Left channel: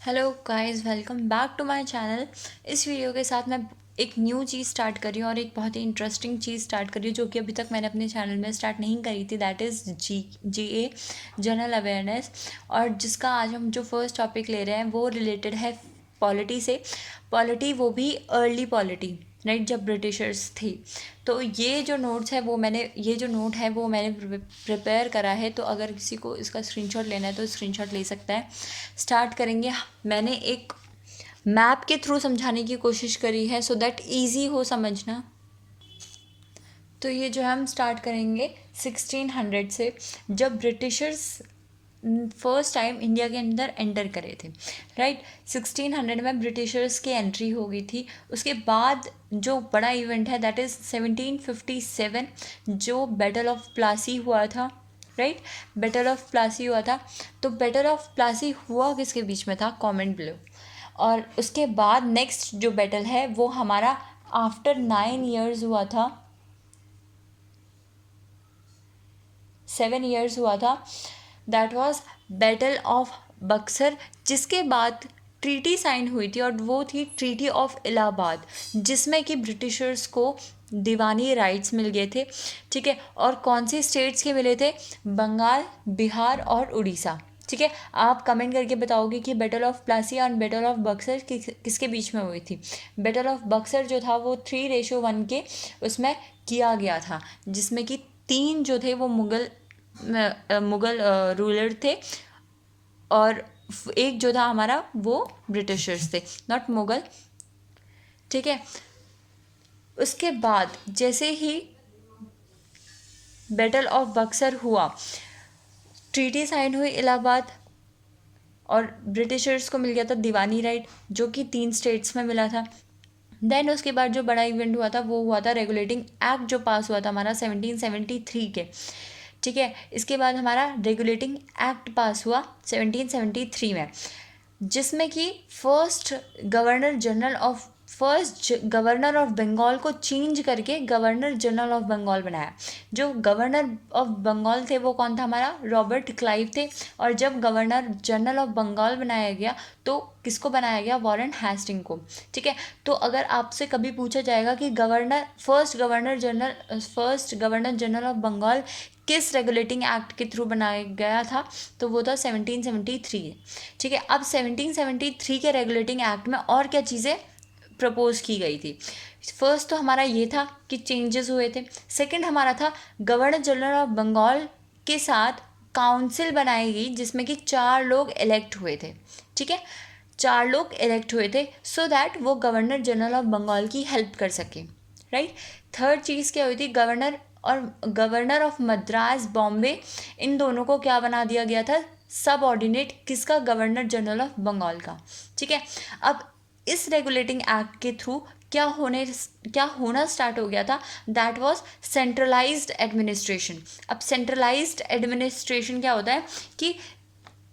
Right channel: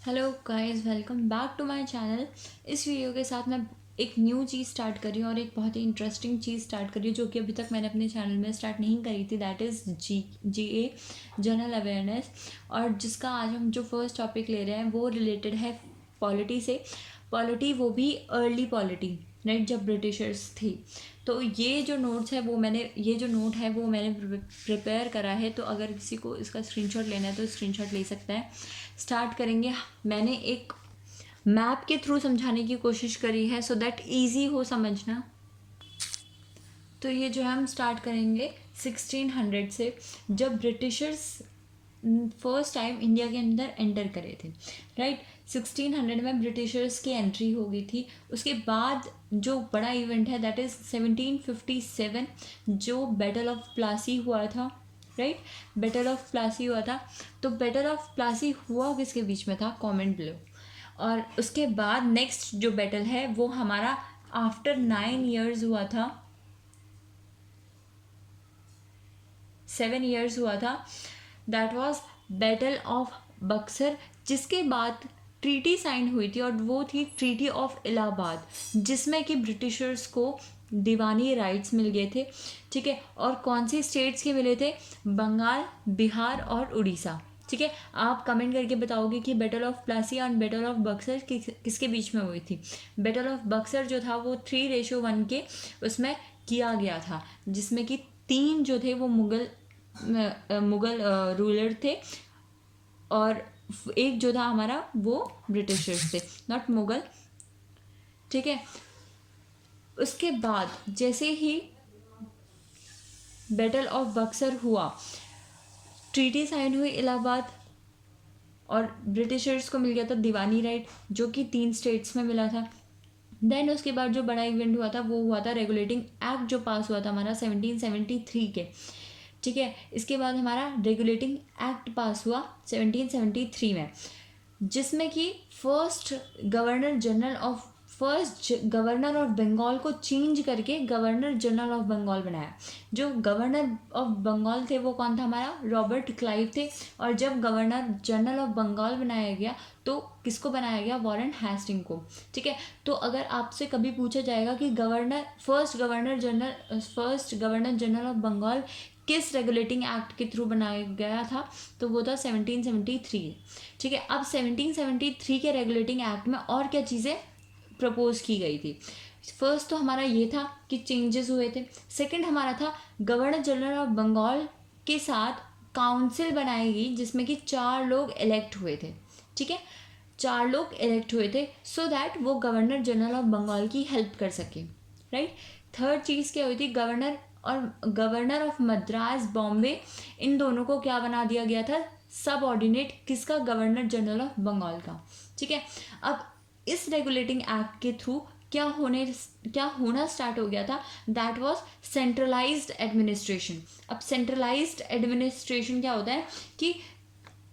Hello guys, welcome back to my channel. इस video के साथ मैं एक न्यू चीज़ स्टार्ट कर रही हूँ और एक बहुत ही इंटरेस्टिंग चीज़ स्टार्ट कर रही हूँ जो कि अभी तक मैंने अपने चैनल में स्टार्ट नहीं करी थी। That is GA general awareness. और जिसका आज हम जो फर्स्ट टॉपिक ले रहे हैं वो रिलेटेड है पॉलिटी से। पॉलिटी, वो भी अर्ली पॉलिटी, राइट, जब ब्रिटिशर्स थी। तो ये जो नोट है वो मैंने प्रिपेयर करा है। तो अगर किसी को इसका स्क्रीनशॉट लेना है तो स्क्रीनशॉट ले सकता है। स्टार्ट करेंगे। मैंने एक मैप के थ्रू समझाने की कोशिश करी है सो दैट इजी हो समझना। तो ये जो है हम स्टार्ट करेंगे 1600 से, जब ब्रिटिशर्स फर्स्ट टाइम इंडिया के अंदर एंटर करे थे, राइट। 1600 में ब्रिटिशर्स की एंट्री हो गई थी। उसके बाद जो बड़ा इवेंट है दैट इज़ 1757, जो बैटल ऑफ प्लासी हुआ था, राइट। बैटल ऑफ प्लासी हुआ था। तो बैटल ऑफ प्लासी हुआ किसके बीच में था? Comment below. और उसके बाद नेक्स्ट जो बैटल है वो हमारा आफ्टर 9 years हुआ था, 7 years हुआ था। That was battle of Buxar, जिसके बाद ट्रीटी साइन हुई थी और वो थी ट्रीटी ऑफ इलाहाबाद, जिसमें कि ब्रिटिशर्स को दीवानी राइट्स मिल गए थे, ठीक है। और कौन सी स्टेट्स के मिले थे? बंगाल, बिहार और उड़ीसा, ठीक है। आप कमेंट करके बताओगे कि बैटल ऑफ प्लासी और बैटल ऑफ बक्सर किसके बीच में हुई थी। बैटल ऑफ बक्सर जो था वो 3:1 के उसमें किया गया था, जिसमें कि 3 जो थे वो मुगल रूलर थे और एक जो था हमारा वो ब्रिटिशर्स थे, नॉट मुगल, ठीक है। उसके बाद जैसे ही बैटल ऑफ बक्सर हुआ, ट्रीटी साइन हुई इलाहाबाद और ब्रिटिशर्स को मिल गया था दीवानी राइट, जो कि 3 स्टेट्स में मिला था। देन उसके बाद जो बड़ा इवेंट हुआ था वो हुआ था रेगुलेटिंग एक्ट, जो पास हुआ था हमारा 1773 के, ठीक है। इसके बाद हमारा रेगुलेटिंग एक्ट पास हुआ 1773 में, जिसमें कि फर्स्ट गवर्नर ऑफ बंगाल को चेंज करके गवर्नर जनरल ऑफ बंगाल बनाया। जो गवर्नर ऑफ बंगाल थे वो कौन था? हमारा रॉबर्ट क्लाइव थे। और जब गवर्नर जनरल ऑफ बंगाल बनाया गया तो किसको बनाया गया? वॉरेन हेस्टिंग को, ठीक है। तो अगर आपसे कभी पूछा जाएगा कि first governor general of Bengal किस रेगुलेटिंग एक्ट के थ्रू बनाया गया था, तो वो था 1773, ठीक है। अब 1773 के रेगुलेटिंग एक्ट में और क्या चीज़ें प्रपोज की गई थी? फर्स्ट तो हमारा ये था कि चेंजेस हुए थे। सेकंड हमारा था गवर्नर जनरल ऑफ बंगाल के साथ काउंसिल बनाई गई, जिसमें कि 4 लोग इलेक्ट हुए थे, ठीक है। 4 लोग इलेक्ट हुए थे सो दैट वो गवर्नर जनरल ऑफ बंगाल की हेल्प कर सके, राइट। थर्ड चीज़ क्या हुई थी? गवर्नर ऑफ मद्रास, बॉम्बे, इन दोनों को क्या बना दिया गया था? सब ऑर्डिनेट किसका? गवर्नर जनरल ऑफ बंगाल का, ठीक है। अब इस रेगुलेटिंग एक्ट के थ्रू क्या होना स्टार्ट हो गया था? That was centralised administration. अब सेंट्रलाइज्ड एडमिनिस्ट्रेशन क्या होता है कि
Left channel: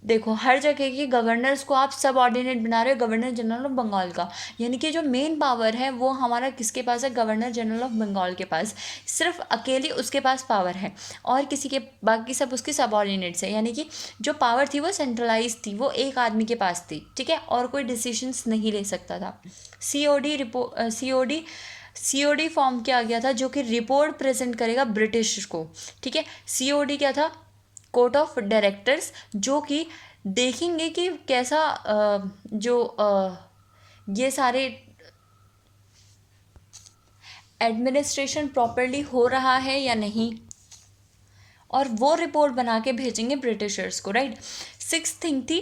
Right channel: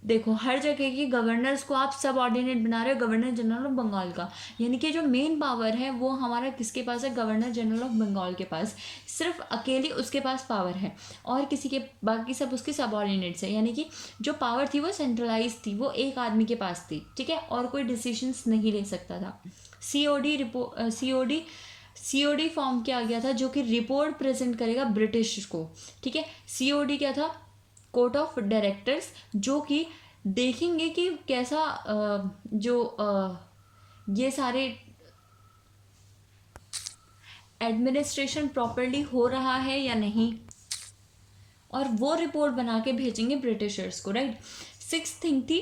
देखो, हर जगह के गवर्नर्स को आप सब ऑर्डिनेट बना रहे हो गवर्नर जनरल ऑफ बंगाल का, यानी कि जो मेन पावर है वो हमारा किसके पास है? गवर्नर जनरल ऑफ बंगाल के पास। सिर्फ अकेली उसके पास पावर है और किसी के, बाकी सब उसके सब ऑर्डिनेट्स है, यानी कि जो पावर थी वो सेंट्रलाइज थी, वो एक आदमी के पास थी, ठीक है। और कोई डिसीजंस नहीं ले सकता था। सीओडी फॉर्म किया गया था, जो कि रिपोर्ट प्रेजेंट करेगा ब्रिटिश को, ठीक है। सीओडी क्या था? कोर्ट ऑफ डायरेक्टर्स, जो कि देखेंगे कि कैसा ये सारे एडमिनिस्ट्रेशन प्रॉपरली हो रहा है या नहीं, और वो रिपोर्ट बना के भेजेंगे ब्रिटिशर्स को, राइट। सिक्स थिंग थी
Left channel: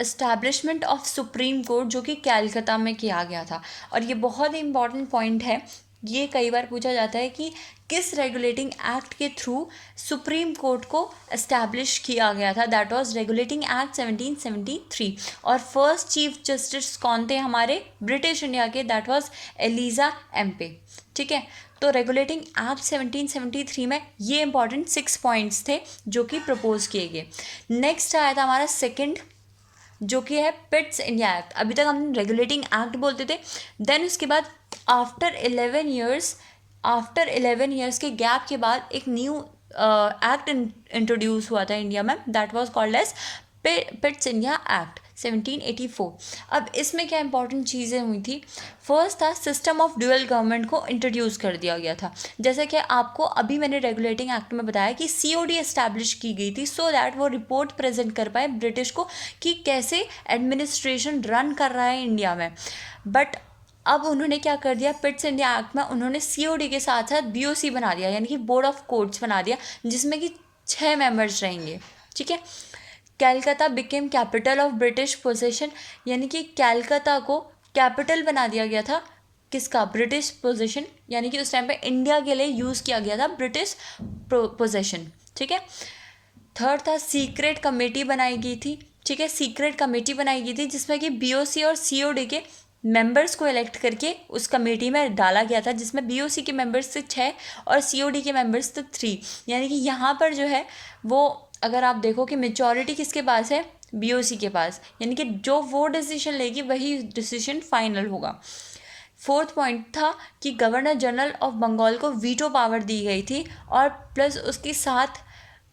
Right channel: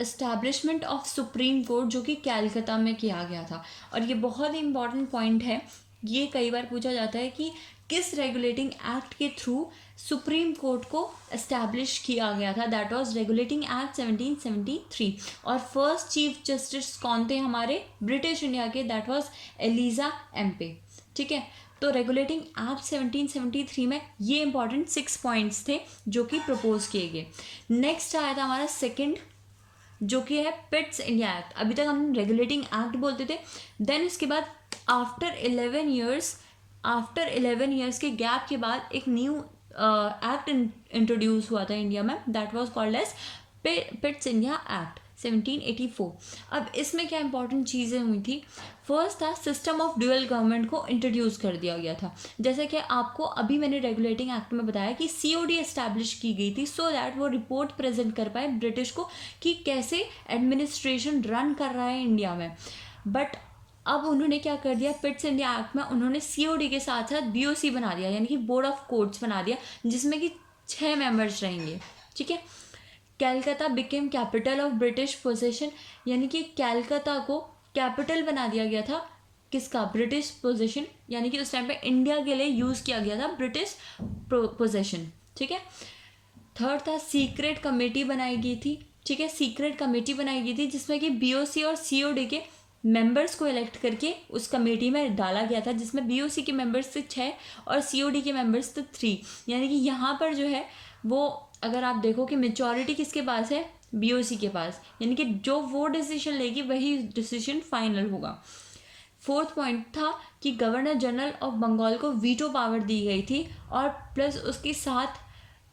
एस्टैब्लिशमेंट ऑफ सुप्रीम कोर्ट, जो कि कैलकाता में किया गया था। और ये बहुत ही इंपॉर्टेंट पॉइंट है, ये कई बार पूछा जाता है कि किस रेगुलेटिंग एक्ट के थ्रू सुप्रीम कोर्ट को एस्टैब्लिश किया गया था। That was regulating act 1773। और फर्स्ट चीफ जस्टिस कौन थे हमारे ब्रिटिश इंडिया के? दैट वाज एलिजा एम्पे, ठीक है। तो रेगुलेटिंग एक्ट 1773 में ये इंपॉर्टेंट 6 पॉइंट्स थे जो कि प्रपोज किए गए। नेक्स्ट आया था हमारा सेकंड, जो कि है पिट्स इंडिया एक्ट। अभी तक हम रेगुलेटिंग एक्ट बोलते थे। देन उसके बाद आफ्टर 11 ईयर्स के गैप के बाद एक न्यू एक्ट इंट्रोड्यूस हुआ था इंडिया में, that was called as Pitts India act 1784। अब इसमें क्या इंपॉर्टेंट चीज़ें हुई थी, फर्स्ट था सिस्टम ऑफ ड्यूअल गवर्नमेंट को इंट्रोड्यूस कर दिया गया था। जैसे कि आपको अभी मैंने रेगुलेटिंग एक्ट में बताया कि सीओडी एस्टैब्लिश की गई थी सो दैट वो रिपोर्ट प्रेजेंट कर पाए ब्रिटिश को कि कैसे एडमिनिस्ट्रेशन रन कर रहा है इंडिया में। बट अब उन्होंने क्या कर दिया, पिट्स इंडिया एक्ट में उन्होंने सीओडी के साथ साथ बीओसी बना दिया, यानी कि बोर्ड ऑफ कोर्ट्स बना दिया, जिसमें कि 6 मेंबर्स रहेंगे। ठीक है, कैलकाता became capital of British possession, यानी कि कैलकाता को कैपिटल बना दिया गया था किसका, ब्रिटिश पोजेशन, यानी कि उस टाइम पे इंडिया के लिए यूज़ किया गया था ब्रिटिश पोजेशन। ठीक है, थर्ड था सीक्रेट कमेटी बनाई गई थी। ठीक है, सीक्रेट कमेटी बनाई गई थी जिसमें कि बीओसी और सीओडी के मेंबर्स को इलेक्ट करके उस कमेटी में डाला गया था, जिसमें बीओसी के मेंबर्स थे 6 और सीओडी के मेंबर्स थे 3। यानी कि यहाँ पर जो है वो अगर आप देखो कि मेजॉरिटी किसके पास है, बीओसी के पास, यानी कि जो वो डिसीजन लेगी वही डिसीजन फाइनल होगा। फोर्थ पॉइंट था कि गवर्नर जनरल ऑफ बंगाल को वीटो पावर दी गई थी और प्लस उसके साथ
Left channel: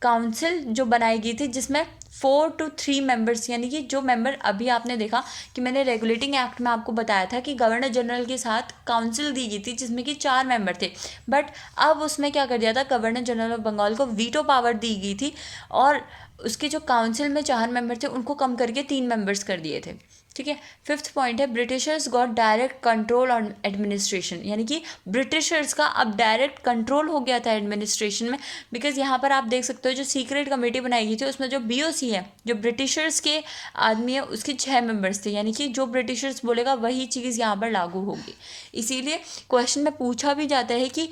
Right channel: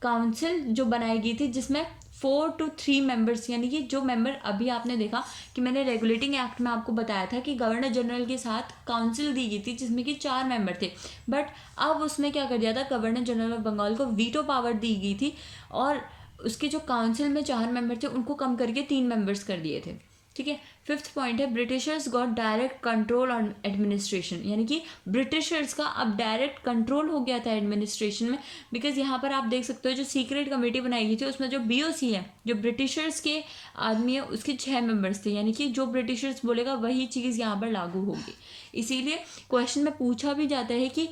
काउंसिल जो बनाई गई थी जिसमें 4 to 3 मेंबर्स, यानी कि जो मेंबर अभी आपने देखा कि मैंने रेगुलेटिंग एक्ट में आपको बताया था कि गवर्नर जनरल के साथ काउंसिल दी गई थी जिसमें कि 4 मेंबर थे, बट अब उसमें क्या कर दिया था, गवर्नर जनरल ऑफ बंगाल को वीटो पावर दी गई थी और उसके जो काउंसिल में 4 मेंबर थे उनको कम करके 3 मेंबर्स कर दिए थे। ठीक है, फिफ्थ पॉइंट है Britishers got direct control on administration, यानी कि ब्रिटिशर्स का अब डायरेक्ट कंट्रोल हो गया था एडमिनिस्ट्रेशन में। बिकॉज यहाँ पर आप देख सकते हो जो सीक्रेट कमेटी बनाई गई थी उसमें जो बीओसी है, जो ब्रिटिशर्स के आदमी है, उसके 6 मेंबर्स थे, यानी कि जो ब्रिटिशर्स बोलेगा वही चीज़ यहाँ पर लागू होगी। इसीलिए क्वेश्चन में पूछा भी जाता है कि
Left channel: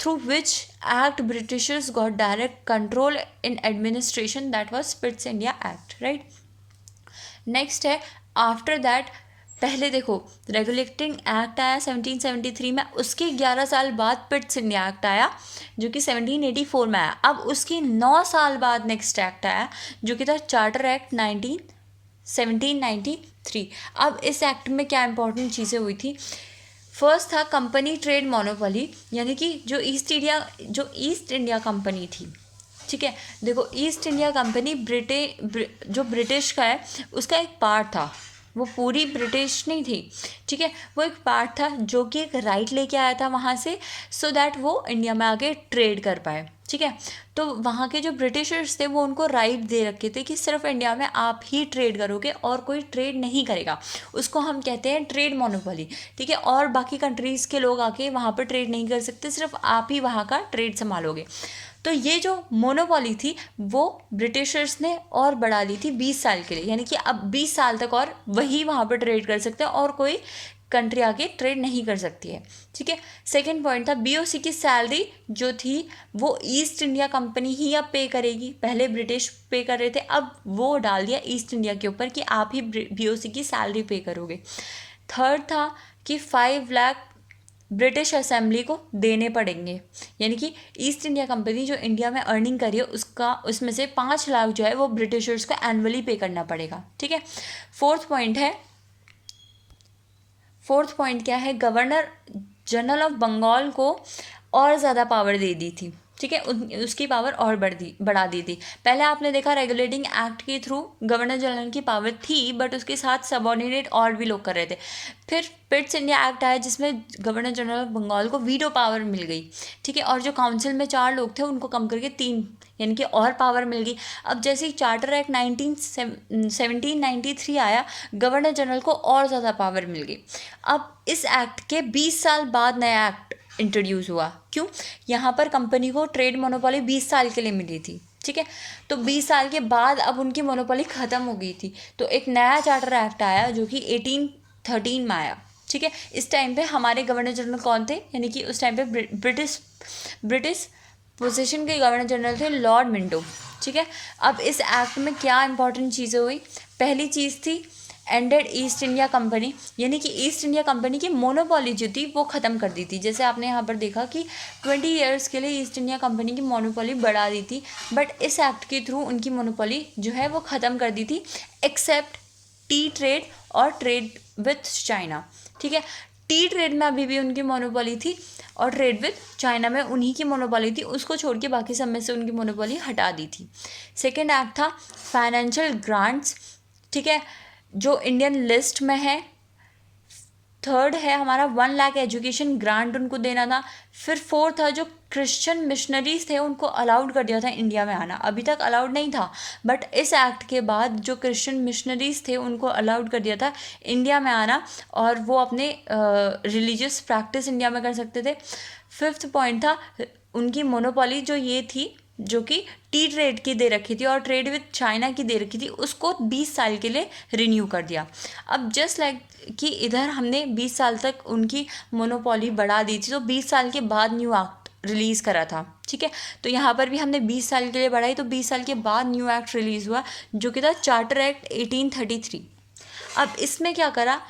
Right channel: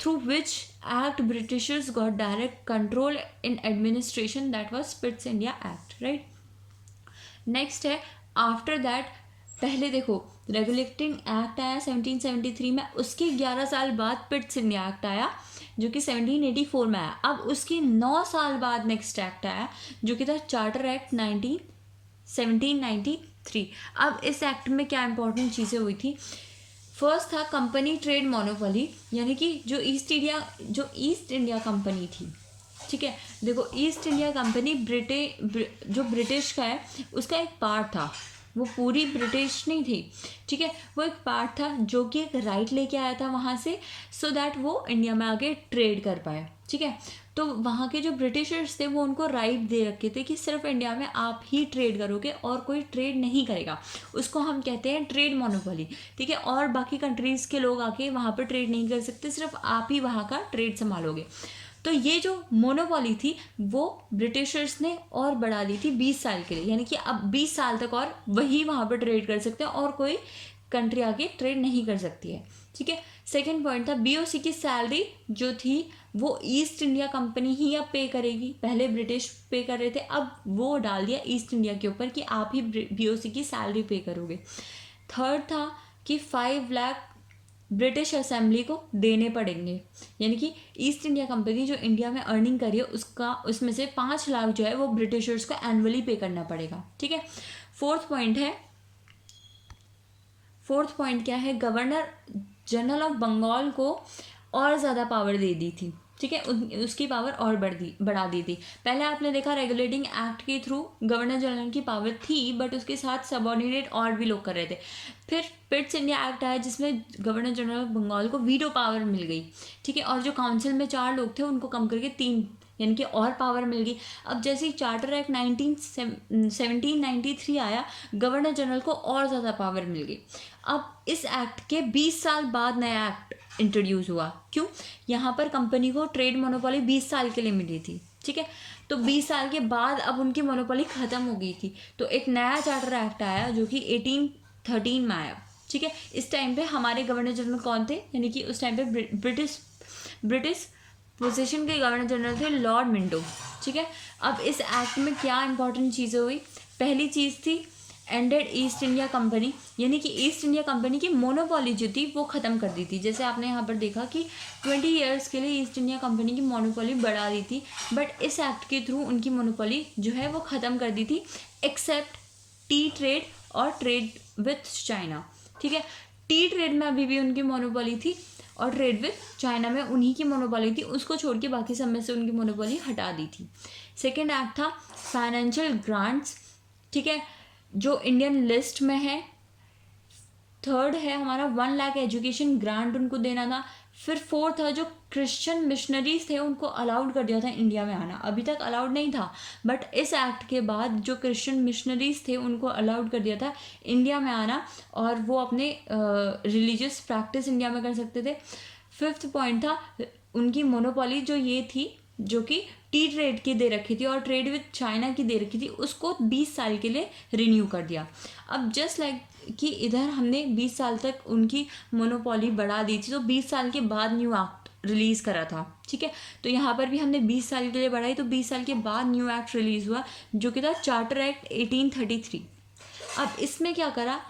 through which act Britishers got direct control in administration, that was पिट्स India act, right. Next है आफ्टर दैट, पहले देखो रेगुलेटिंग एक्ट आया 1773 में, उसके 11 साल बाद पिट्स इंडिया एक्ट आया जो कि 1784 में आया। अब उसके 9 साल बाद नेक्स्ट एक्ट आया जो कि था चार्टर एक्ट 1793। अब इस एक्ट में क्या इंपॉर्टेंट चीज़ें हुई थी, फर्स्ट था कंपनी ट्रेड मोनोपोली, यानी कि जो ईस्ट इंडिया कंपनी थी। ठीक है, देखो ईस्ट इंडिया कंपनी जो ब्रिटिश का है उसका एक पार्ट था, वो पूरी ब्रिटिश नहीं थी। ठीक है, वो एक पार्ट था जो कि एक राइट लेके आया था वहाँ से सो दैट वो इंडिया में आके ट्रेड कर पाए। ठीक है, तो वहाँ के जो ब्रिटिशर्स थे वो उनको राइट दे रखे थे कि सिर्फ इंडिया में आप ही ट्रेड करोगे और कोई ट्रेड नहीं करेगा, उसको हम कहते हैं ट्रेड मोनोपोली। ठीक है, और बाकी कंट्रीज़ के लोग आके वहाँ पर ट्रेड नहीं कर सकते, सिर्फ आप ही वहाँ का ट्रेड संभालोगे। तो ये जो मोनोपोली थी वो ब्रिटिशर्स ने और बढ़ा दी थी 20 साल के लिए, यानी कि अब 20 साल तक और वही वहाँ पर ट्रेड कर सकते हैं और कोई कंट्री आके ट्रेड नहीं कर सकती है। ठीक है, सेकंड पॉइंट था बीओसी की सैलरी जो थी वो ईस्ट इंडिया कंपनी ही अब पे करेगी, पहले ब्रिटिश पे कर रहे थे, अब वो डाल दिया ईस्ट इंडिया के ऊपर कि आप ही बीओसी की सैलरी पे करोगे। थर्ड था कि 5 लाख ब्रिटिश असेंबली को देने पड़ेंगे, यानी कि ईस्ट इंडिया कंपनी जो इंडिया में अर्निंग करी है उसमें से 5 लाख जो है वो ब्रिटिशर्स को एनुअली पे करना पड़ेगा। ठीक है, फोर्थ पॉइंट क्या है, गवर्नर जनरल ऑफ बंगाल को और ज़्यादा पावर दे दी थी। ठीक है, उसकी पावर और बढ़ा दी थी। पहले आपने देखा रेगुलेटिंग एक्ट के थ्रू गवर्नर जनरल की पावर थी बट उसके साथ सबऑर्डिनेट और भी लोग कर रहे थे। फिर पिट्स इंडिया एक्ट आया जिसमें गवर्नर जनरल ऑफ बंगाल को वीटो पावर मिल गई। ठीक है, और जो काउंसिल में 4 लोग थे उनको कम करके 3 यानी कि और पावर मिल गई। अब जैसे ही चार्टर एक्ट 1793 आया गवर्नर जनरल को और ज़्यादा पावर मिल गई। अब इस एक्ट के 20 साल बाद नया एक्ट इंट्रोड्यूस हुआ। क्यों, यहाँ पर कंपनी को ट्रेड मोनोपोली 20 साल के लिए मिली थी। ठीक है, तो 20 साल के बाद अब उनकी मोनोपोली ख़त्म हो गई थी, तो एक नया चार्टर एक्ट आया जो कि 1813 में आया। ठीक है, इस टाइम पे हमारे गवर्नर जनरल कौन थे, यानी कि उस टाइम पे ब्रिटिश पोजीशन के गवर्नर जनरल थे लॉर्ड मिंटो। ठीक है, अब इस एक्ट में क्या इंपॉर्टेंट चीज़ें हुई, पहली चीज़ थी एंडेड ईस्ट इंडिया कंपनी, यानी कि ईस्ट इंडिया कंपनी की मोनोपोली जो थी वो ख़त्म कर दी थी। जैसे आपने यहाँ पर देखा कि 20 ईयर्स के लिए ईस्ट इंडिया कंपनी की मोनोपोली बढ़ा दी थी, बट इस एक्ट के थ्रू उनकी मोनोपोली जो है वो ख़त्म कर दी थी, एक्सेप्ट टी ट्रेड और ट्रेड विथ चाइना। ठीक है, टी ट्रेड में अभी भी उनकी मोनोपोली थी और ट्रेड विथ चाइना में उन्हीं की मोनोपोली थी, उसको छोड़ के बाकी सब में से उनकी मोनोपोली हटा दी थी। सेकेंड एक्ट था फाइनेंशियल ग्रांट्स। ठीक है, जो इंडियन लिस्ट में है। थर्ड है हमारा 1 लाख एजुकेशन ग्रांट उनको देना था। फिर फोर्थ था जो क्रिश्चियन मिशनरीज थे उनको अलाउड कर दिया था इंडिया में आना, अभी तक अलाउड नहीं था, बट इस एक्ट के बाद जो क्रिश्चियन मिशनरीज थे उनको अलाउड कर दिया था इंडिया में आना, और वो अपने रिलीजियस प्रैक्टिस इंडिया में कर सकते थे। फिफ्थ पॉइंट था उनकी मोनोपोली जो ये थी, जो कि टी ट्रेड की दे रखी थी और ट्रेड विद चाइना की दे रखी थी, उसको 20 साल के लिए रिन्यू कर दिया। अब जस्ट लाइक कि इधर हमने 20 साल तक उनकी मोनोपोली बढ़ा दी थी, तो 20 साल के बाद न्यू एक्ट रिलीज़ करा था, ठीक है। तो यहाँ पर भी हमने 20 साल के लिए बढ़ाई, तो 20 साल के बाद न्यू एक्ट रिलीज़ हुआ जो कि था चार्टर एक्ट 1833। अब इसमें क्या करा,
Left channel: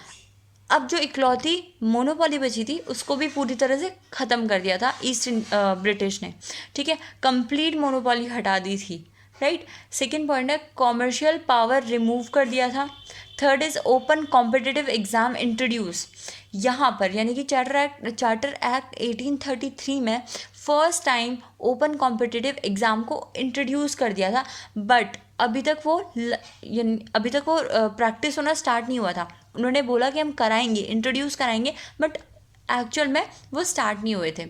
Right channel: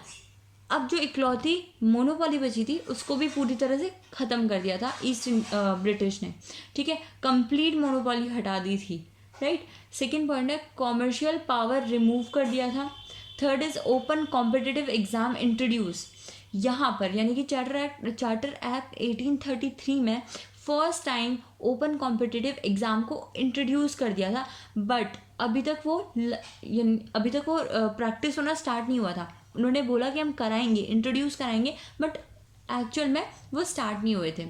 अब जो इकलौती मोनोपोली बची थी उसको भी पूरी तरह से ख़त्म कर दिया था ईस्ट ब्रिटिश ने, ठीक है, कंप्लीट मोनोपोली हटा दी थी, राइट। सेकेंड पॉइंट है कॉमर्शियल पावर रिमूव कर दिया था। Third is open competitive exam introduce, यहाँ पर यानी कि चार्टर एक्ट 1833 में first time open competitive exam को इंट्रोड्यूस कर दिया था, बट अभी तक वो प्रैक्टिस होना स्टार्ट नहीं हुआ था। उन्होंने बोला कि हम कराएंगे, इंट्रोड्यूस कराएंगे, बट एक्चुअल में वो स्टार्ट नहीं हुए थे।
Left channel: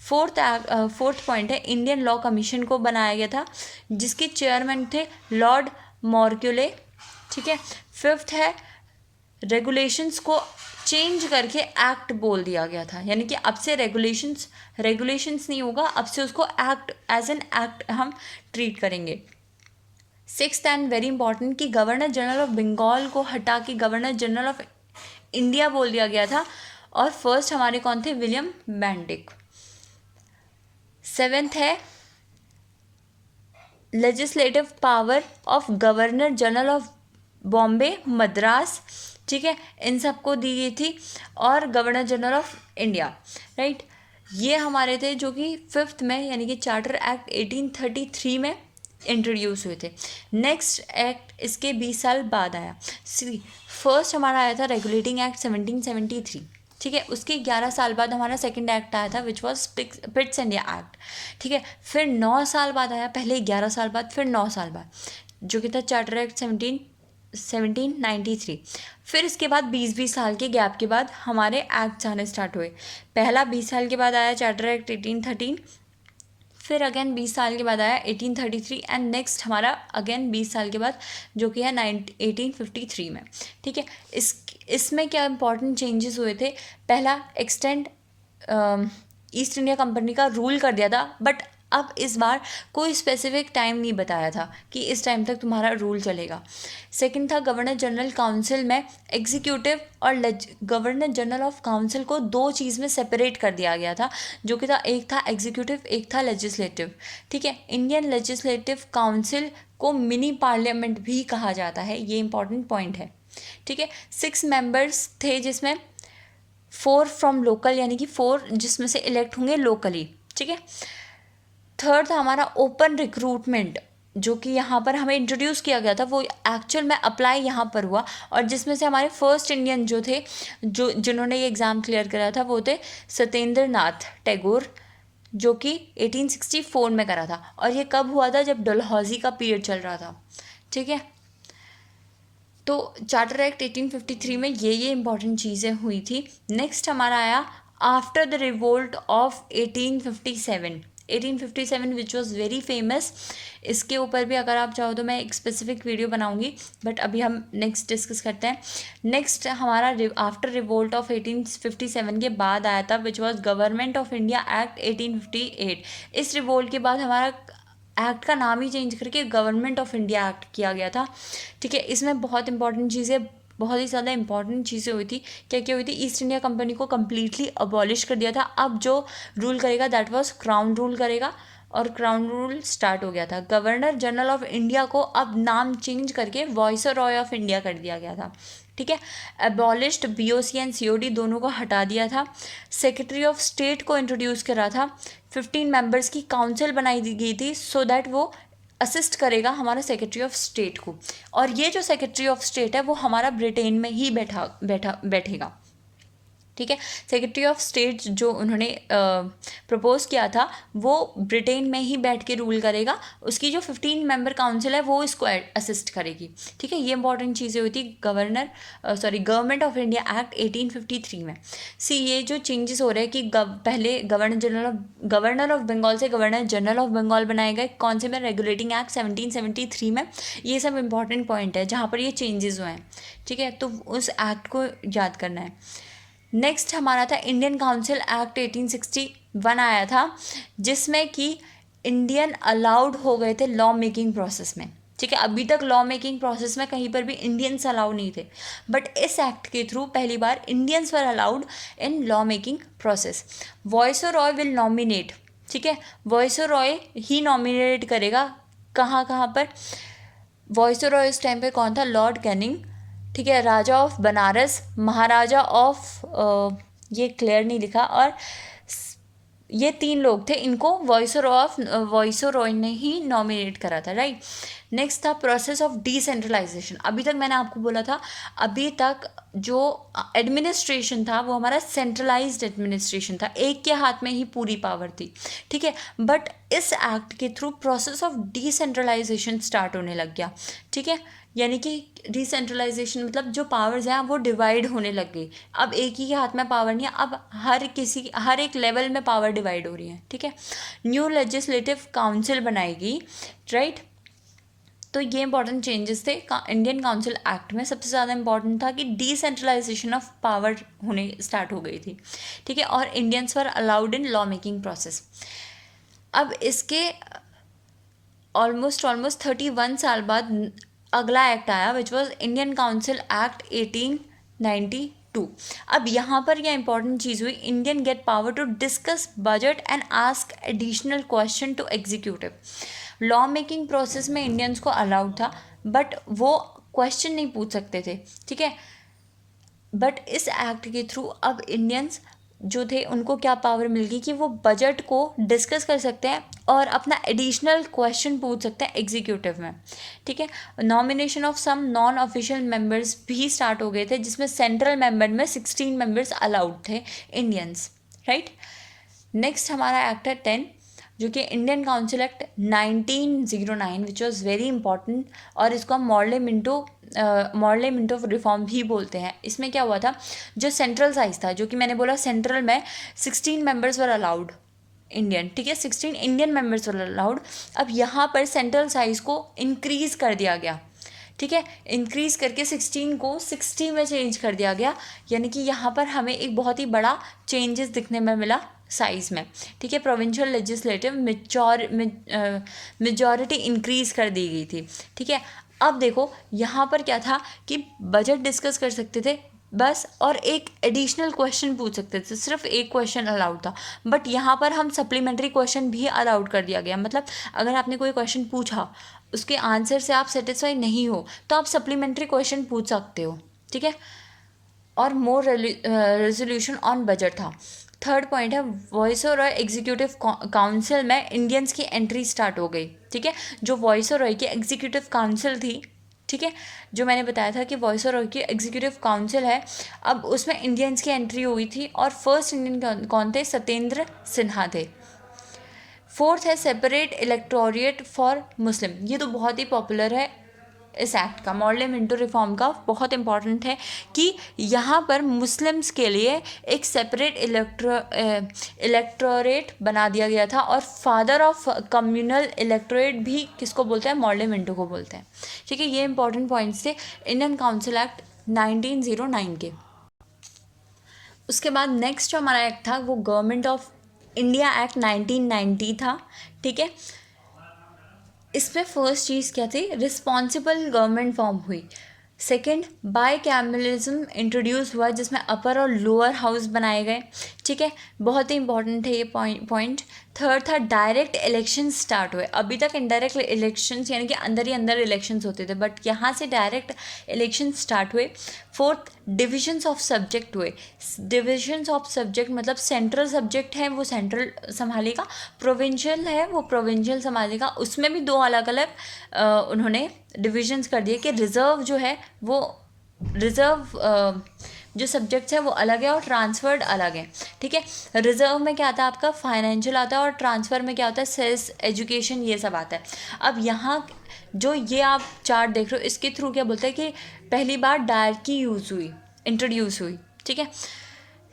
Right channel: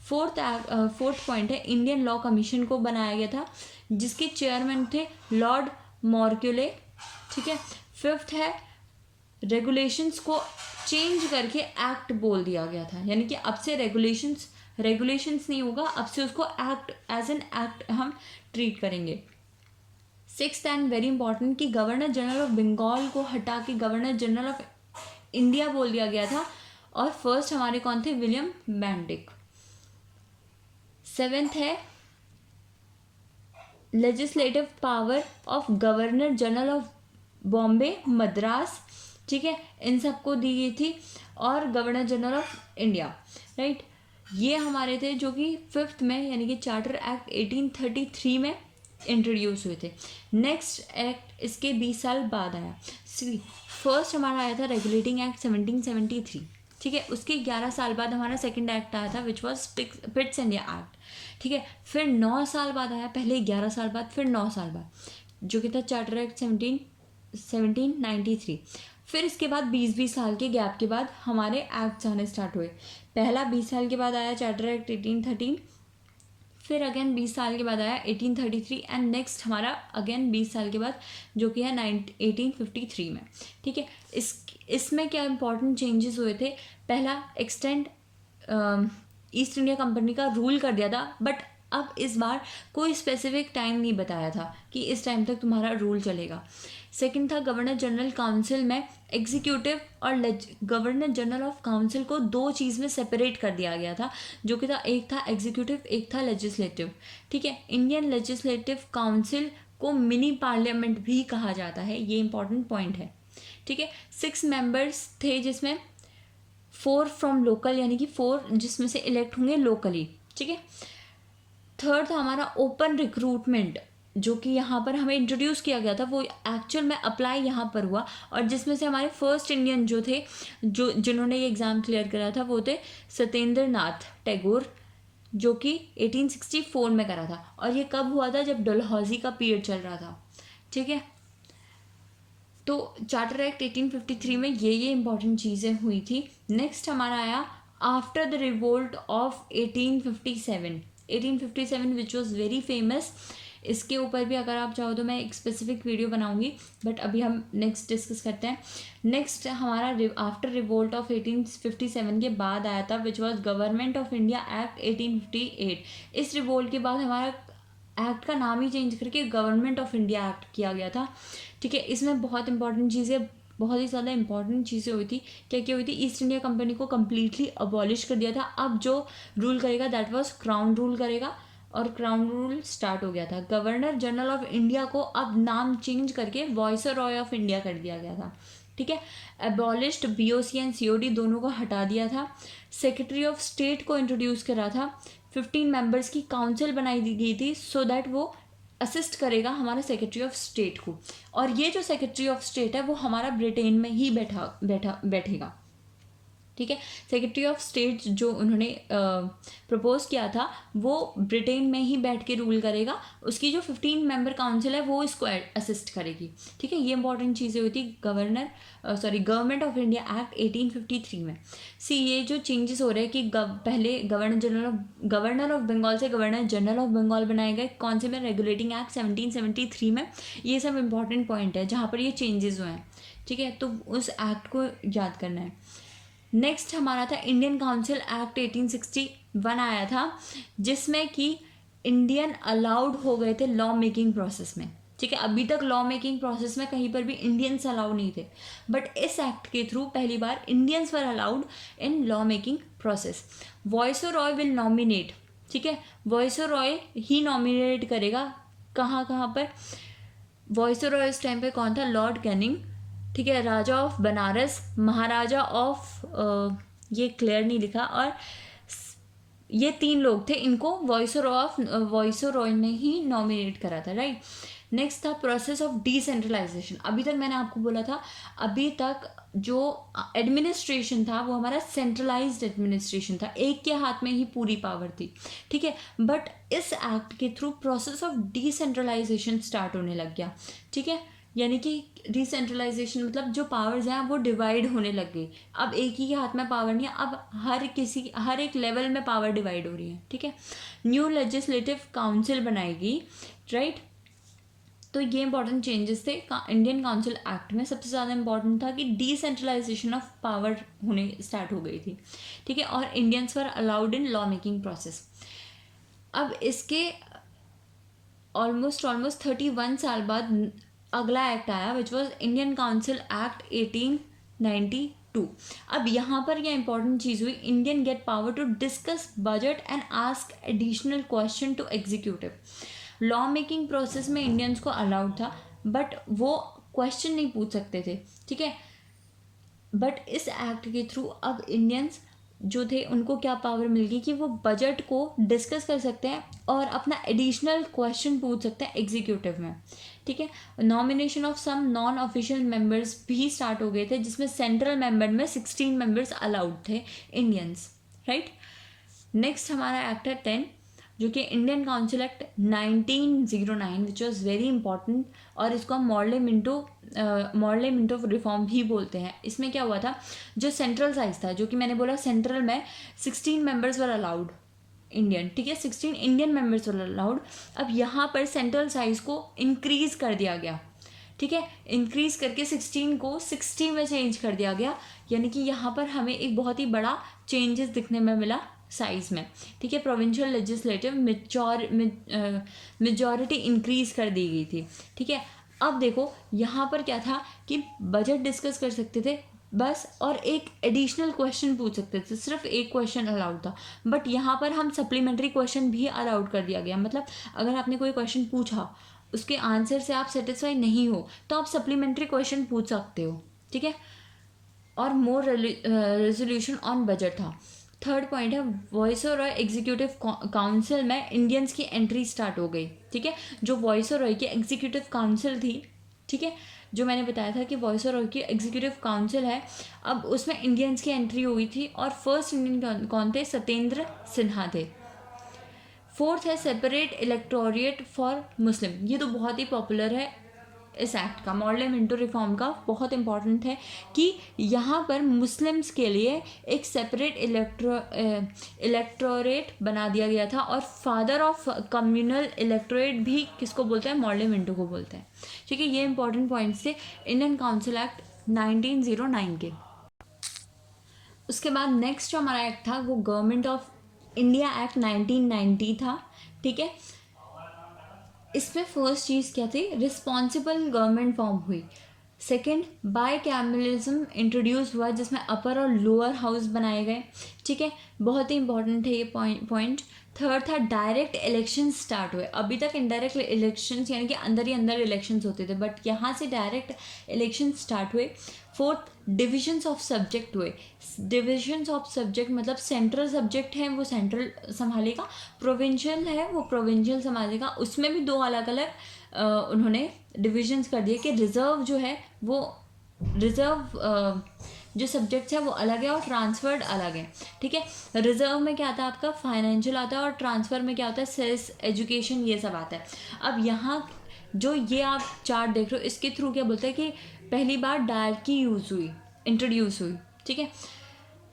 फोर्थ पॉइंट है इंडियन लॉ कमीशन को बनाया गया था जिसके चेयरमैन थे लॉर्ड मॉर्क्यूले, ठीक है। फिफ्थ है रेगुलेशंस को चेंज करके एक्ट बोल दिया गया था, यानी कि अब से रेगुलेशंस नहीं होगा, अब से उसको एक्ट एज एन एक्ट हम ट्रीट करेंगे। सिक्स्थ एंड वेरी इंपॉर्टेंट कि गवर्नर जनरल ऑफ बंगाल को हटा के गवर्नर जनरल ऑफ इंडिया बोल दिया गया था, और फर्स्ट हमारे कौन थे, विलियम बेंटिक। सेवेंथ है legislative power of governor general of Bombay, Madras, ठीक है, इन सबको दी गई थी, और governor general of India, right. ये हमारे थे जो कि फिफ्थ में यानी कि चार्टर एक्ट 1833 में इंट्रोड्यूस हुए थे। नेक्स्ट एक्ट इसके 20 साल बाद आया। फर्स्ट हमारा आया था रेगुलेटिंग एक्ट 1773, ठीक है। उसके 11 साल बाद हमारा सेकंड एक्ट आया था विच वॉज पिट्स इंडिया एक्ट, ठीक है। फिर 9 साल बाद आया, पहले 11 साल बाद, फिर 9 साल बाद, जो कि था चार्टर एक्ट 1793। फिर इसके बाद 20 साल के गैप के बाद हमारे एक्ट्स आने स्टार्ट हुए। पहला 20 साल के बाद आया चार्टर एक्ट 1813, फिर अगेन 20 साल के बाद आया 1833, एंड नेक्स्ट हमारा अगेन 20 साल के बाद जो कि है 1853 में, ठीक है। इसमें क्या इंपॉर्टेंट चेंजेस हुए थे, पहला एक्सटेंड ईस्ट इंडिया कंपनी का रूल कर दिया था, बट अब इस बार कोई स्पेसिफिक टाइम नहीं बताया था कि इस टाइम तक तुम्हारा रूल चलेगा। सेकंड था गवर्नर जनरल काउंसिल में एग्जीक्यूटिव और गवर्नर जनरल ऑफ काउंसिल को 2 चीज़ में सेपरेट कर दिया गया था, जो कि था एक था एग्जीक्यूटिव, एक था लेजिस्लेटिव, ठीक है। इंडियन लेजिस्लेटिव काउंसिल को मिनी पार्लियामेंट भी कहा जाता है, ये इंपॉर्टेंट पॉइंट है, ठीक है। 6 मेंबर्स थे जिसमें 4 फ्रॉम लोकल, यानी कि 4 जिसमें से इलेक्ट होंगे लोकली, ठीक है। थर्ड था हमारा ओपन रिक्रूटमेंट, जो कि यहाँ पर हमें इंट्रोड्यूस किया गया था, वो एक्चुअल में अप्लाई यहाँ पर हुआ, और जिसमें से हमारे फर्स्ट इंडियन जो थे जिन्होंने ये एग्ज़ाम क्लियर करा था वो थे सत्येंद्र नाथ टैगोर, जो कि 1864 में करा था, और ये कब हुआ था, जब डलहौजी का पीरियड चल रहा था, ठीक है। तो चार्टर एक्ट 1853 में ये इंपॉर्टेंट चीज़ें हुई थी। नेक्स्ट हमारा आया after the revolt of 1857 which was very famous. इसके ऊपर भी अगर आप चाहो तो मैं एक स्पेसिफिक वीडियो बनाऊंगी, बट अभी हम नेक्स्ट डिस्कस करते हैं। नेक्स्ट हमारा आफ्टर रिवोल्ट ऑफ 1857 के बाद आया था which was government of India act 1858। इस रिवोल्ट के बाद हमारा एक्ट का नाम ही चेंज करके गवर्नमेंट ऑफ इंडिया एक्ट किया गया था, ठीक है। इसमें बहुत इंपॉर्टेंट चीज़ें, बहुत ही ज़्यादा इंपॉर्टेंट चीज़ें हुई थी। क्या क्या हुई थी, ईस्ट इंडिया कंपनी को कम्प्लीटली अबॉलिश कर दिया था। अब जो रूल करेगा दैट वाज क्राउन रूल करेगा, और क्राउन रूल स्टार्ट हो गया था। गवर्नर जनरल ऑफ इंडिया को अब नाम चेंज करके वाइसरॉय ऑफ इंडिया कर दिया गया था, ठीक है। एबॉलिश्ड BOC एंड COD दोनों को हटा दिया था। सेक्रेटरी ऑफ स्टेट को इंट्रोड्यूस करा था। 15 मेंबर्स की काउंसिल बनाई गई थी सो दैट वो असिस्ट करेगा हमारा सेक्रेटरी ऑफ स्टेट को, और ये जो सेक्रेटरी ऑफ स्टेट है वो हमारा ब्रिटेन में ही बैठेगा, ठीक है। सेक्रेटरी ऑफ स्टेट जो उन्होंने प्रपोज किया था वो ब्रिटेन में ही बैठ के रूल करेगा, उसकी जो 15 मेंबर काउंसिल है वो इसको असिस्ट करेगी, ठीक है। ये इंपॉर्टेंट चीज़ें हुई थी गवर्नमेंट ऑफ इंडिया एक्ट 1853 में। ये जो चेंजेस हो रहे हैं कि पहले गवर्नर ऑफ बंगाल से गवर्नर जनरल ऑफ बंगाल बनाए गए, कौन से में, रेगुलेटिंग एक्ट 1773 में। ये सब इंपॉर्टेंट पॉइंट है जहाँ पर ये चेंजेस हुए हैं, ठीक है, तो उस एक्ट को याद करना है। नेक्स्ट हमारा था इंडियन काउंसिल एक्ट 1861 आया था, जिसमें कि इंडियन अलाउड हो गए थे लॉ मेकिंग प्रोसेस में, ठीक है। अभी तक लॉ मेकिंग प्रोसेस में कहीं पर भी इंडियंस अलाउड नहीं थे, बट इस एक्ट के थ्रू पहली बार Indians were allowed in law making process. Viceroy will nominate, ठीक है, वायसरॉय ही नॉमिनेट करेगा, कहाँ कहाँ पर। वायसरॉय इस टाइम पे कौन था, लॉर्ड कैनिंग, ठीक है, राजा ऑफ बनारस, महाराजा ऑफ ये क्लियर नहीं लिखा, और ये 3 लोग थे, इनको वायसरॉय ने ही नॉमिनेट करा था, राइट। नेक्स्ट था प्रोसेस ऑफ डिसेंट्रलाइजेशन। अभी तक मैंने आपको बोला था, अभी तक जो एडमिनिस्ट्रेशन था वो हमारा सेंट्रलाइज्ड एडमिनिस्ट्रेशन था, एक के हाथ में ही पूरी पावर थी, ठीक है। बट इस एक्ट के through process of decentralization start होने लग गया, ठीक है। यानी कि डिसेंट्रलाइजेशन मतलब जो पावर्स हैं वो डिवाइड होने लग गई। अब एक ही के हाथ में पावर नहीं है, अब हर एक लेवल में पावर डिवाइड हो रही है, ठीक है। न्यू लेजिस्लेटिव काउंसिल बनाएगी, राइट। तो ये इंपॉर्टेंट चेंजेस थे इंडियन काउंसिल एक्ट में। सबसे ज़्यादा इंपॉर्टेंट था कि डिसेंट्रलाइजेशन ऑफ पावर होने स्टार्ट हो गई थी, ठीक है, और Indians were allowed in law making process. अब इसके ऑलमोस्ट 31 साल बाद अगला एक्ट आया, which was Indian council act 1892। अब यहाँ पर यह इंपॉर्टेंट चीज़ हुई, Indian get power to discuss budget and ask additional question to executive. Law making process में इंडियंस को अलाउड था, बट वो क्वेश्चन नहीं पूछ सकते थे, ठीक है। बट इस एक्ट के थ्रू अब इंडियंस जो थे उनको क्या पावर मिल गई कि वो बजट को डिस्कस कर सकते हैं और अपना एडिशनल क्वेश्चन पूछ सकते हैं एग्जीक्यूटिव में, ठीक है। Nomination of some non official members भी स्टार्ट हो गए थे, जिसमें सेंट्रल मेंबर में 16 मेंबर्स अलाउड थे इंडियंस, राइट। नेक्स्ट हमारा एक्ट है 10, जो कि Indian council act 1909, which was very important, और इसको हम मॉडल मिंटो रिफॉर्म भी बोलते हैं। इसमें क्या हुआ था, जो सेंट्रल साइज था, जो कि मैंने बोला सेंट्रल में 16 मेंबर्स वर अलाउड इंडियन, ठीक है, 16 इंडियन मेंबर्स वर अलाउड। अब यहाँ पर सेंट्रल साइज को इंक्रीज़ कर दिया गया, ठीक है, इंक्रीज़ करके 16 को 60 में चेंज कर दिया गया। यानी कि यहाँ पर हमें एक बहुत ही बड़ा चेंजेस दिखने में मिला साइज़ में, ठीक है। प्रोविंशियल लेजिस्लेटिव मेजॉरिटी इंक्रीज़ कर दी गई थी, ठीक है। अब देखो यहाँ पर क्या था कि बजट डिस्कस कर सकते थे बस, और एक एडिशनल क्वेश्चन पूछ सकते थे, सिर्फ एक क्वेश्चन अलाउड था। बट यहाँ पर हम सप्लीमेंट्री क्वेश्चन भी अलाउड कर दिया गया, मतलब अगर आपने कोई क्वेश्चन पूछा, उसके आंसर से आप सेटिस्फाई नहीं हो, तो आप सप्लीमेंट्री क्वेश्चन पूछ सकते हो, ठीक है। और मोर रेजोल्यूशन ऑन बजट था। थर्ड पॉइंट है वायसरॉय एग्जीक्यूटिव काउंसिल में इंडियंस की एंट्री स्टार्ट हो गई, ठीक है। जो वायसरॉय की एग्जीक्यूटिव काउंसिल थी, ठीक है, जो मैंने बताया था कि वायसरॉय की एग्जीक्यूटिव काउंसिल है, अब उसमें इंडियंस की एंट्री हुई थी, और फर्स्ट इंडियन कौन थे, सत्येंद्र सिन्हा थे। फोर्थ है सेपरेट इलेक्टोरेट फॉर मुस्लिम। ये तो बहुत ही पॉपुलर है इस एक्ट का, मॉडल मिंटो रिफॉर्म का, बहुत इंपॉर्टेंट है कि यहाँ पर मुस्लिम्स के लिए एक सेपरेट इलेक्टोरेट बना दिया गया था, और फादर ऑफ कम्युनल इलेक्टोरेट भी किसको बोलते हैं, मॉडल मिंटो को बोलते हैं, ठीक है। ये इंपॉर्टेंट पॉइंट्स थे इंडियन काउंसिल एक्ट 1909 के। उसके बाद नेक्स्ट जो हमारा एक्ट था वो गवर्नमेंट ऑफ इंडिया एक्ट 1990 था, ठीक है। इसमें फर्स्ट चीज़ क्या थी, रिस्पॉन्सिबल गवर्नमेंट फॉर्म हुई। सेकंड, बाई कैमरलिज्म इंट्रोड्यूस हुआ, जिसमें अपर और लोअर हाउस बनाए गए, ठीक है, बहुत ही इंपॉर्टेंट है ये पॉइंट। थर्ड था डायरेक्ट इलेक्शन स्टार्ट हुए। अभी तक इनडायरेक्ट इलेक्शंस यानी कि अंदर ही अंदर इलेक्शंस होते थे, बट यहाँ से डायरेक्ट इलेक्शन स्टार्ट हुए। फोर्थ, डिविजन्स ऑफ सब्जेक्ट हुए। डिविजन्स ऑफ सब्जेक्ट मतलब सेंट्रल सब्जेक्ट है वो सेंट्रल संभालेगा, प्रोविंशियल है वो प्रोविंशियल संभालेगा। उसमें भी 2 अलग अलग उन्होंने डिविजन्स कर दिए कि रिज़र्व जो है वो रिज़र्व जो सब्जेक्ट्स हैं वो अलग है और ट्रांसफर्ड अलग है, ठीक है। रिजर्व में क्या आता है आपका, फाइनेंशियल आता है, और ट्रांसफ़र में क्या होता है, सेल्स, एजुकेशन, ये सब आता है। अब यहाँ जो ये आप चार्ट देख रहे हो इसके थ्रू क्या बोलते हैं कि पहली बार डायरकी यूज़ हुई, इंट्रोड्यूस हुई, ठीक है।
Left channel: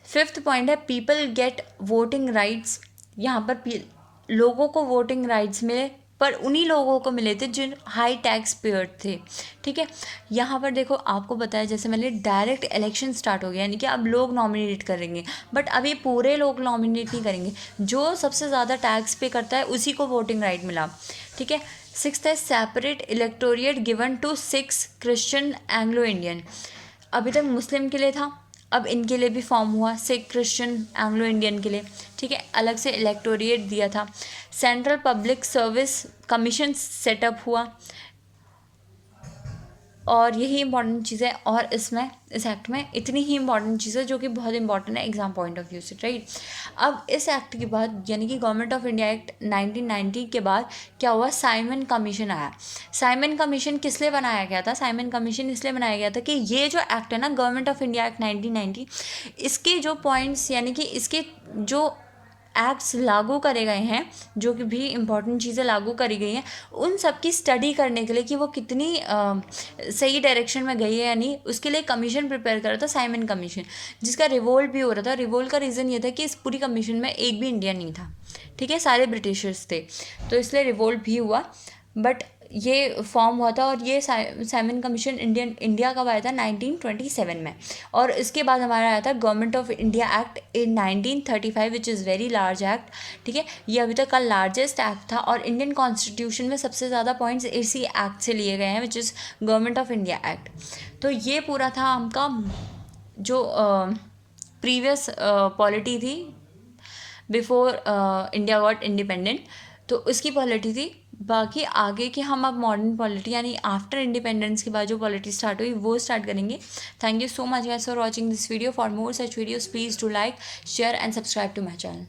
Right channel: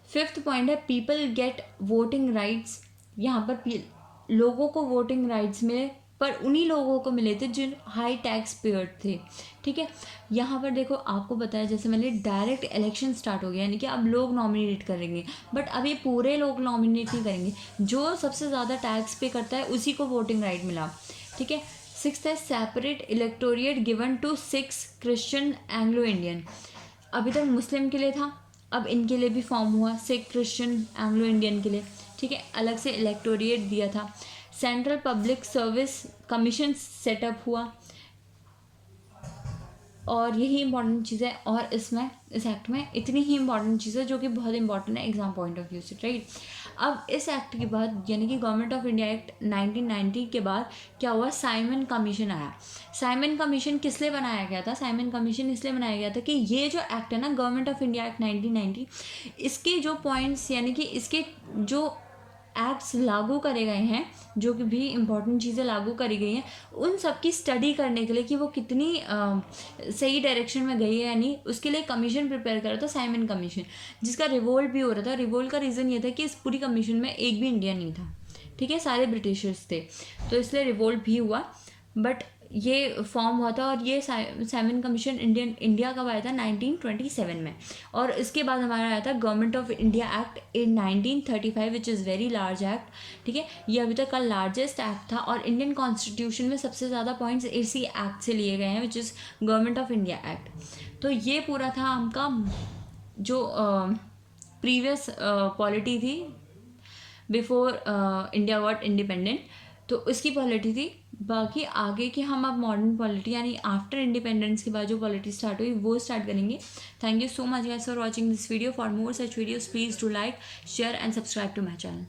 फिफ्थ पॉइंट है पीपल गेट वोटिंग राइट्स। यहाँ पर लोगों को वोटिंग राइट्स मिले, पर उन्हीं लोगों को मिले थे जिन हाई टैक्स पेयर थे, ठीक है। यहाँ पर देखो आपको बताया जैसे मैंने, डायरेक्ट इलेक्शन स्टार्ट हो गया, यानी कि अब लोग नॉमिनेट करेंगे, बट अभी पूरे लोग नॉमिनेट नहीं करेंगे, जो सबसे ज़्यादा टैक्स पे करता है उसी को वोटिंग राइट मिला, ठीक है। सिक्स्थ है separate electorate given to 6 Christian Anglo Indian. अभी तक मुस्लिम के लिए था, अब इनके लिए भी फॉर्म हुआ, सिख, क्रिश्चियन, एंग्लो इंडियन के लिए, ठीक है, अलग से इलेक्टोरिएट दिया था। Central public service commission setup हुआ, और यही इंपॉर्टेंट चीज़ है। और इसमें, इस एक्ट में इतनी ही इंपॉर्टेंट चीज़ है जो कि बहुत इंपॉर्टेंट है एग्जाम पॉइंट ऑफ व्यू से, राइट। अब इस एक्ट के बाद, यानी कि गवर्नमेंट ऑफ इंडिया एक्ट 1990 के बाद क्या हुआ, साइमन कमीशन आया। साइमन कमीशन किस लिए बनाया गया था, साइमन कमीशन इसलिए बनाया गया था कि ये जो एक्ट है ना, गवर्नमेंट ऑफ इंडिया एक्ट 1990, इसके जो पॉइंट्स, यानी कि इसके जो एक्ट्स लागू करे गए हैं, जो कि भी इम्पॉर्टेंट चीज़ें लागू करी गई हैं, उन सब की स्टडी करने के लिए कि वो कितनी सही डायरेक्शन में गई है, यानी उसके लिए कमीशन प्रिपेयर कर रहा था, साइमन कमीशन, जिसका रिवोल्ट भी हो रहा था। रिवोल्ट का रीज़न ये था कि इस पूरी कमीशन में एक भी इंडियन नहीं था, ठीक है, सारे ब्रिटिशर्स थे, तो इसलिए रिवोल्ट भी हुआ। बट ये फॉर्म हुआ था, और ये साइमन कमीशन इंडिया कब आया था, 1927 में। और इसके बाद हमारा आया था government of India act in 1935, which is very large act, ठीक है। ये अभी तक का लार्जेस्ट एक्ट था, और इंडियन कॉन्स्टिट्यूशन में सबसे ज़्यादा पॉइंट्स इसी एक्ट से लिए गए हैं, which is government of India act. तो ये पूरा था आपका जो प्रीवियस पॉलिटी थी बिफोर इंडिया गॉट इंडिपेंडेंट, तो उसकी पॉलिटी थी। बाकी आगे की हम अब मॉडर्न पॉलिटी, यानी आफ्टर इंडिपेंडेंस के बाद जो पॉलिटी स्टार्ट हुई वो स्टार्ट करेंगे। Thank you so much guys for watching this video. For more such videos please do like, share and subscribe to my channel.